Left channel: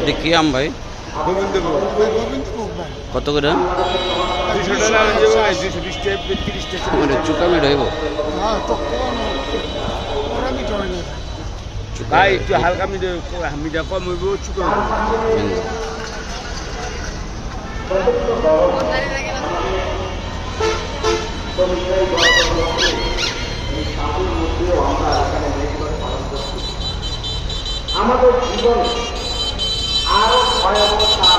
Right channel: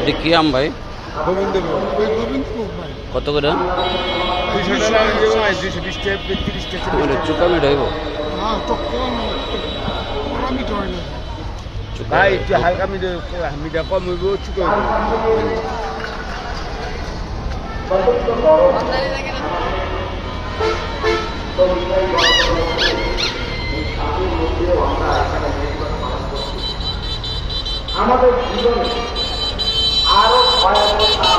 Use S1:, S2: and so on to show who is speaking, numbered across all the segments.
S1: এটা কি আম ভাই? কত করে?
S2: দুশো টাকা যাব দুশো বিশ টাকা তিরিশ টাকা।
S1: এটা চুকামি রইব
S2: ভাই একটু হালকা মিডে মিডা কম হইব ছোট
S3: আমাদের জীবনে আরও ভয়াবহতা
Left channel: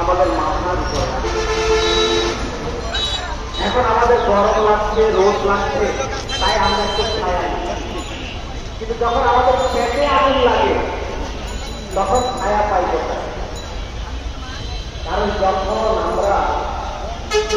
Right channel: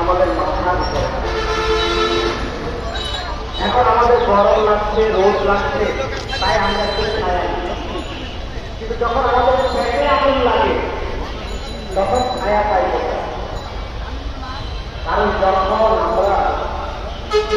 S3: আমাদের মাথার উপরে আছে। এখন আমাদের গরম লাগছে রোদ লাগছে তাই আমরা একটু ছায়া নিচ্ছি। কিন্তু যখন আমাদের পেটে আগুন লাগে তখন ছায়া পাই কোথায় কারণ যখন আমরা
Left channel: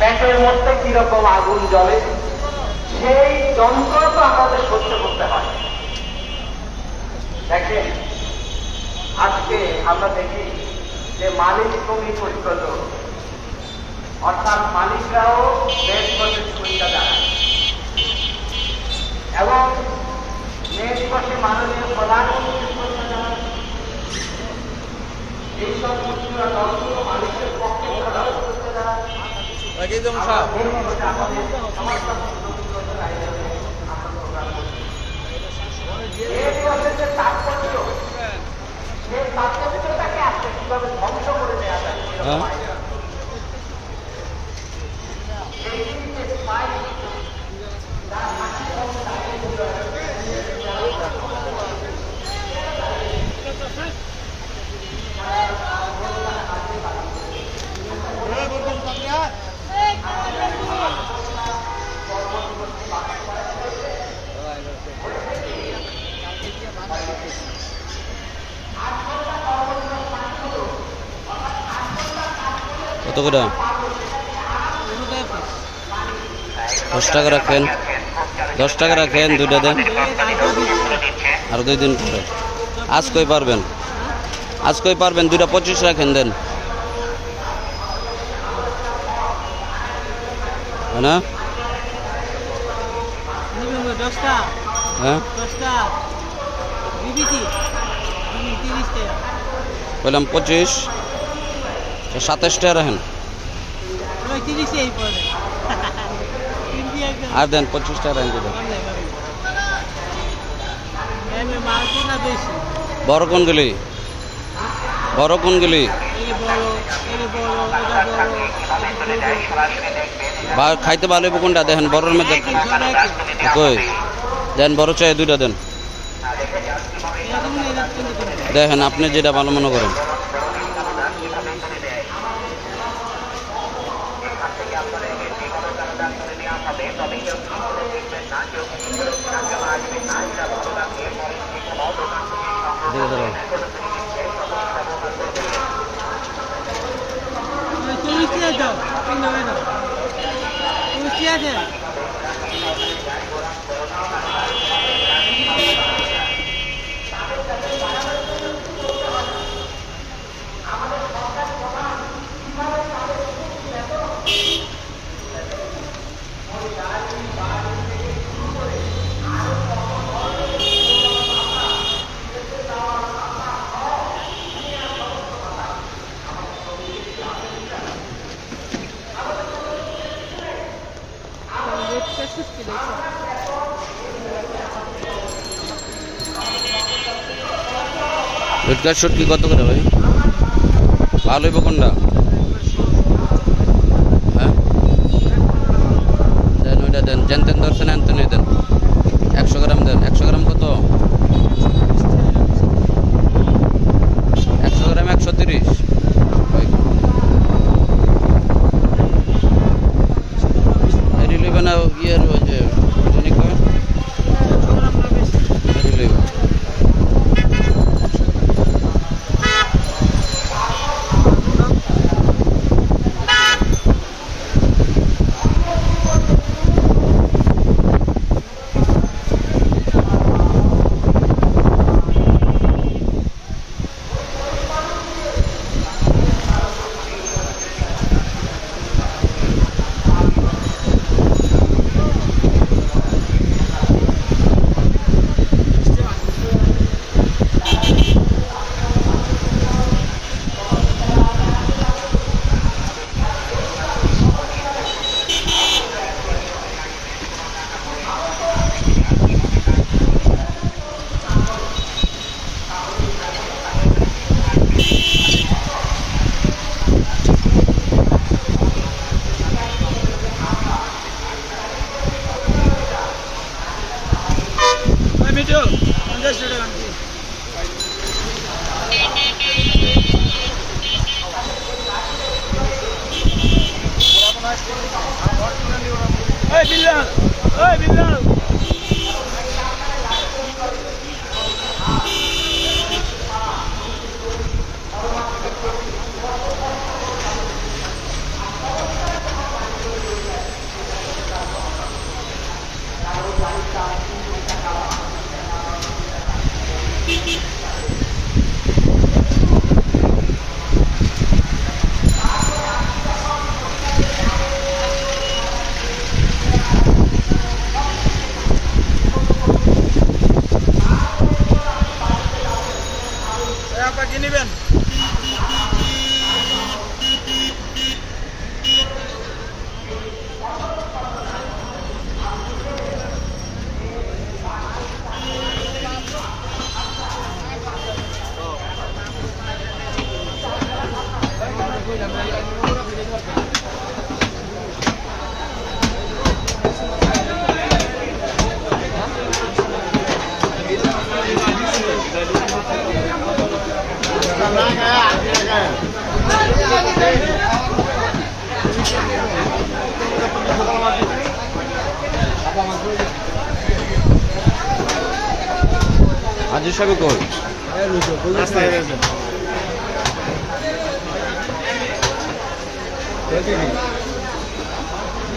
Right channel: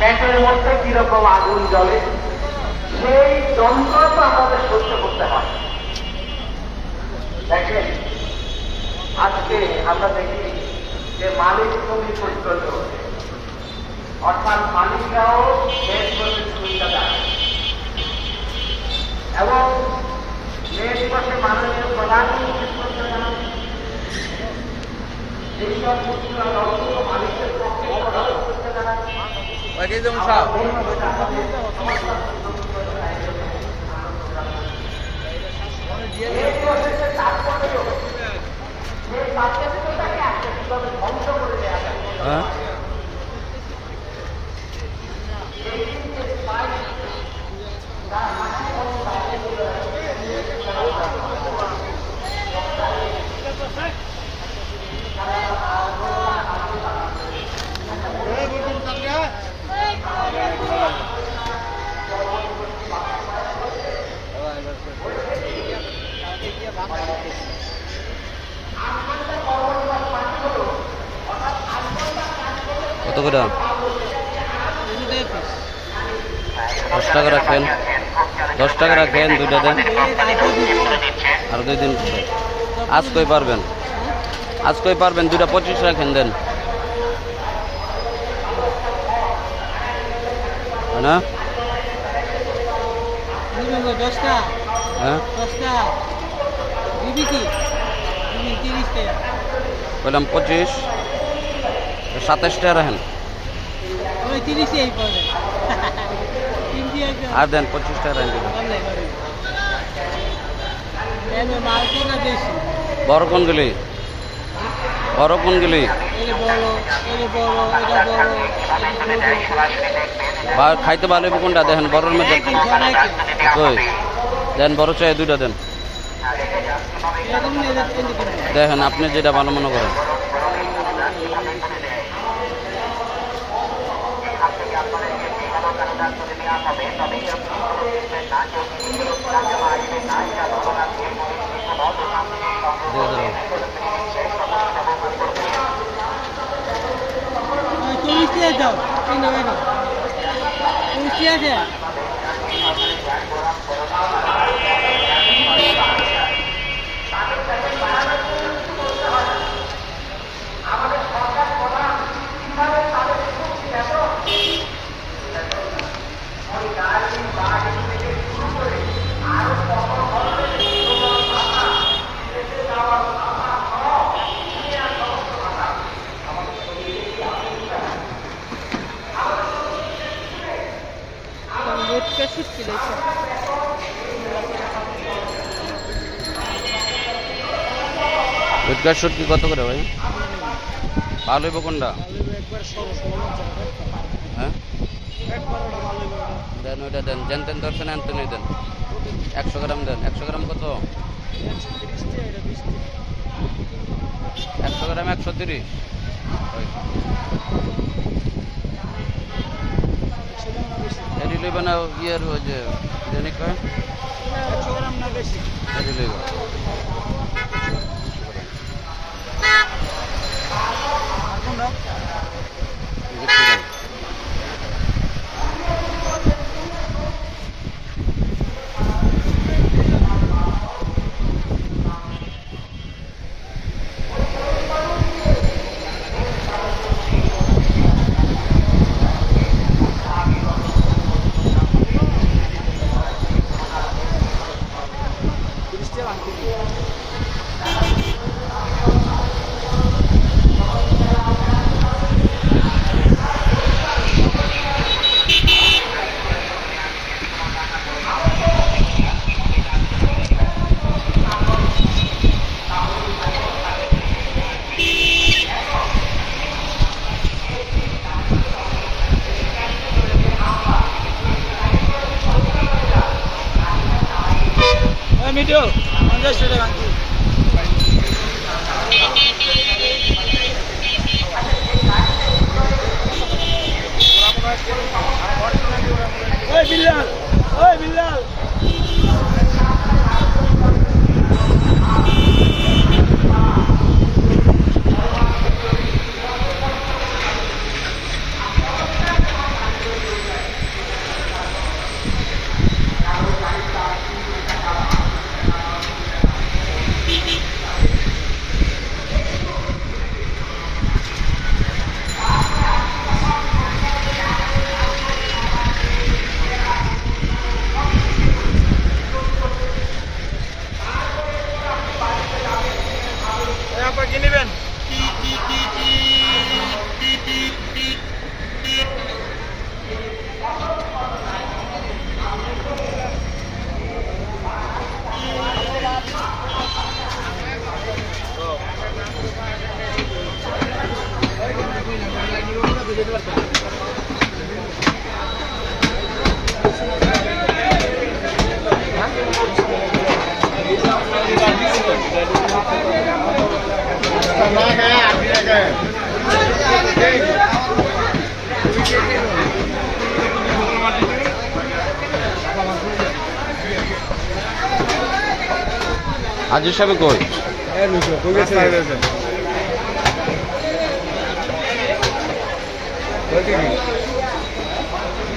S3: পেটের মধ্যে কীরকম আগুন জ্বলে, সেই যন্ত্রণা তো আমাদের সহ্য করতে হয়। দেখেন, আজকে আমরা দেখি যে মালিক কমি পরিচালিত অর্থাৎ মালিকরাও দেশ বসে সুবিধা দেয়। এবং দেশ বসে মানুষের জানাচ্ছে এইসব দলগুলো মালিকের পক্ষে প্রধান সুবিধা জানাচ্ছে এই প্রসেসের তাৎপর্য যে তাৎপর্যটাকে আজকে কীভাবে ধ্বংস করে দেওয়া যায়
S1: কত করে? দশ টাকা রাখেন দশ টাকা রাখেন দুইটা দেন। আর দুই দিন পরে। আজ কই পারবেন? আজ কই পারবেন? দুইটা পঁচিশ রাখেন দেন। না? হ্যাঁ
S4: দশটা দিবি কি দিবি তিরিশ টাকা
S1: বললাম পঁচিশ। সাতাশ টাকা রাখেন। আর দেন পঁচিশ টাকা রাখেন বড় কোনগুলি? বড় কোনগুলি? খাইতে ভালো কোনটা? দেখেন বড়ের মধ্যে দেন বড় চাই দুইটা দেন। দেখেন আপনি যেটা ভালো মনে করেন।
S4: চল্লিশ দাও আছে রেটটা সুটকি দেখো।
S1: উৎকার শুটকি কত করে ভাই? ভালো হইব কোনটা? হ্যাঁ? দেন ওইটা দেন, যেন তেন দর্শন এন তেন দেন। একশো গ্রাম দেন। একশো গ্রাম কত? একশো গ্রাম একশো তিরিশ। না ইয়ের ওই যে জানি কো? এটি
S2: ওই মিটু পঞ্চাশ টাকা। ওই বিল্লাল ওই বিল্লাল।
S1: আজি সাহেব কই?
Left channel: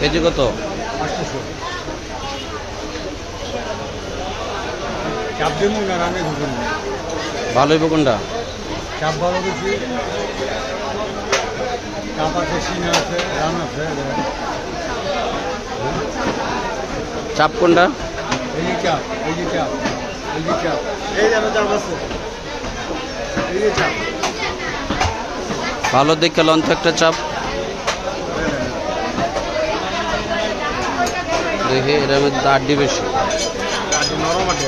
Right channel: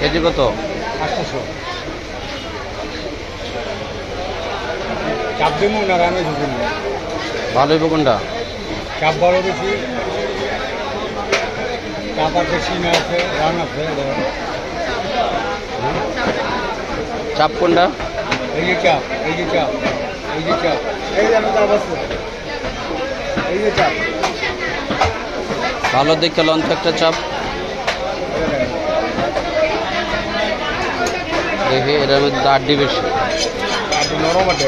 S1: কেজি কত?
S5: চাপ দেবো না রানে ঢুকুন
S1: ভালো কোনটা?
S5: চাপ বড় বেশি চাপ আছে সিন আছে রান আছে
S1: চাপ কোনটা?
S5: এই যে চাপ এই যে চাপ এই যে চাপ। এই যেন চাপ আছে। এই যে চাপ।
S1: ভালো দেখে লন একটা চাপ। দেখি এটার মধ্যে আড্ডি বেশি।
S5: নরম আছে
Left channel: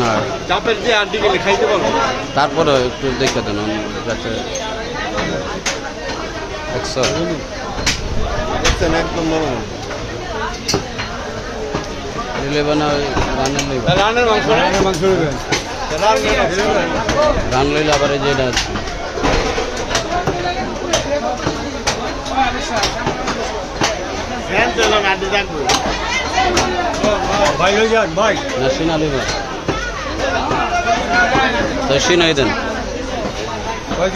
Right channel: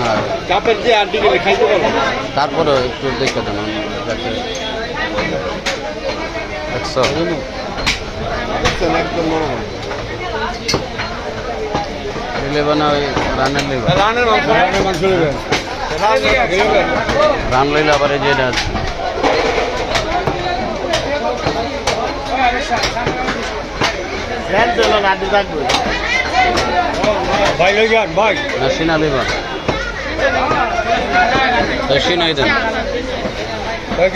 S1: না।
S5: চাপের যে আড্ডি গেলে খাইতে পারব
S1: তারপরে একটু দেখে দেন আমি একশো
S5: দেখছেন একদম নরম।
S1: নিলেবে না ওই রানের লইবে
S5: রানের মাংস রানের মাংস নেবেন।
S1: রান লইলে আবার এই যে এটা আছে।
S5: চলো না থাকবে। ভাই হয়ে যান ভাই
S1: না সিনা লইবা তো সিনাই দেন
S5: ভাই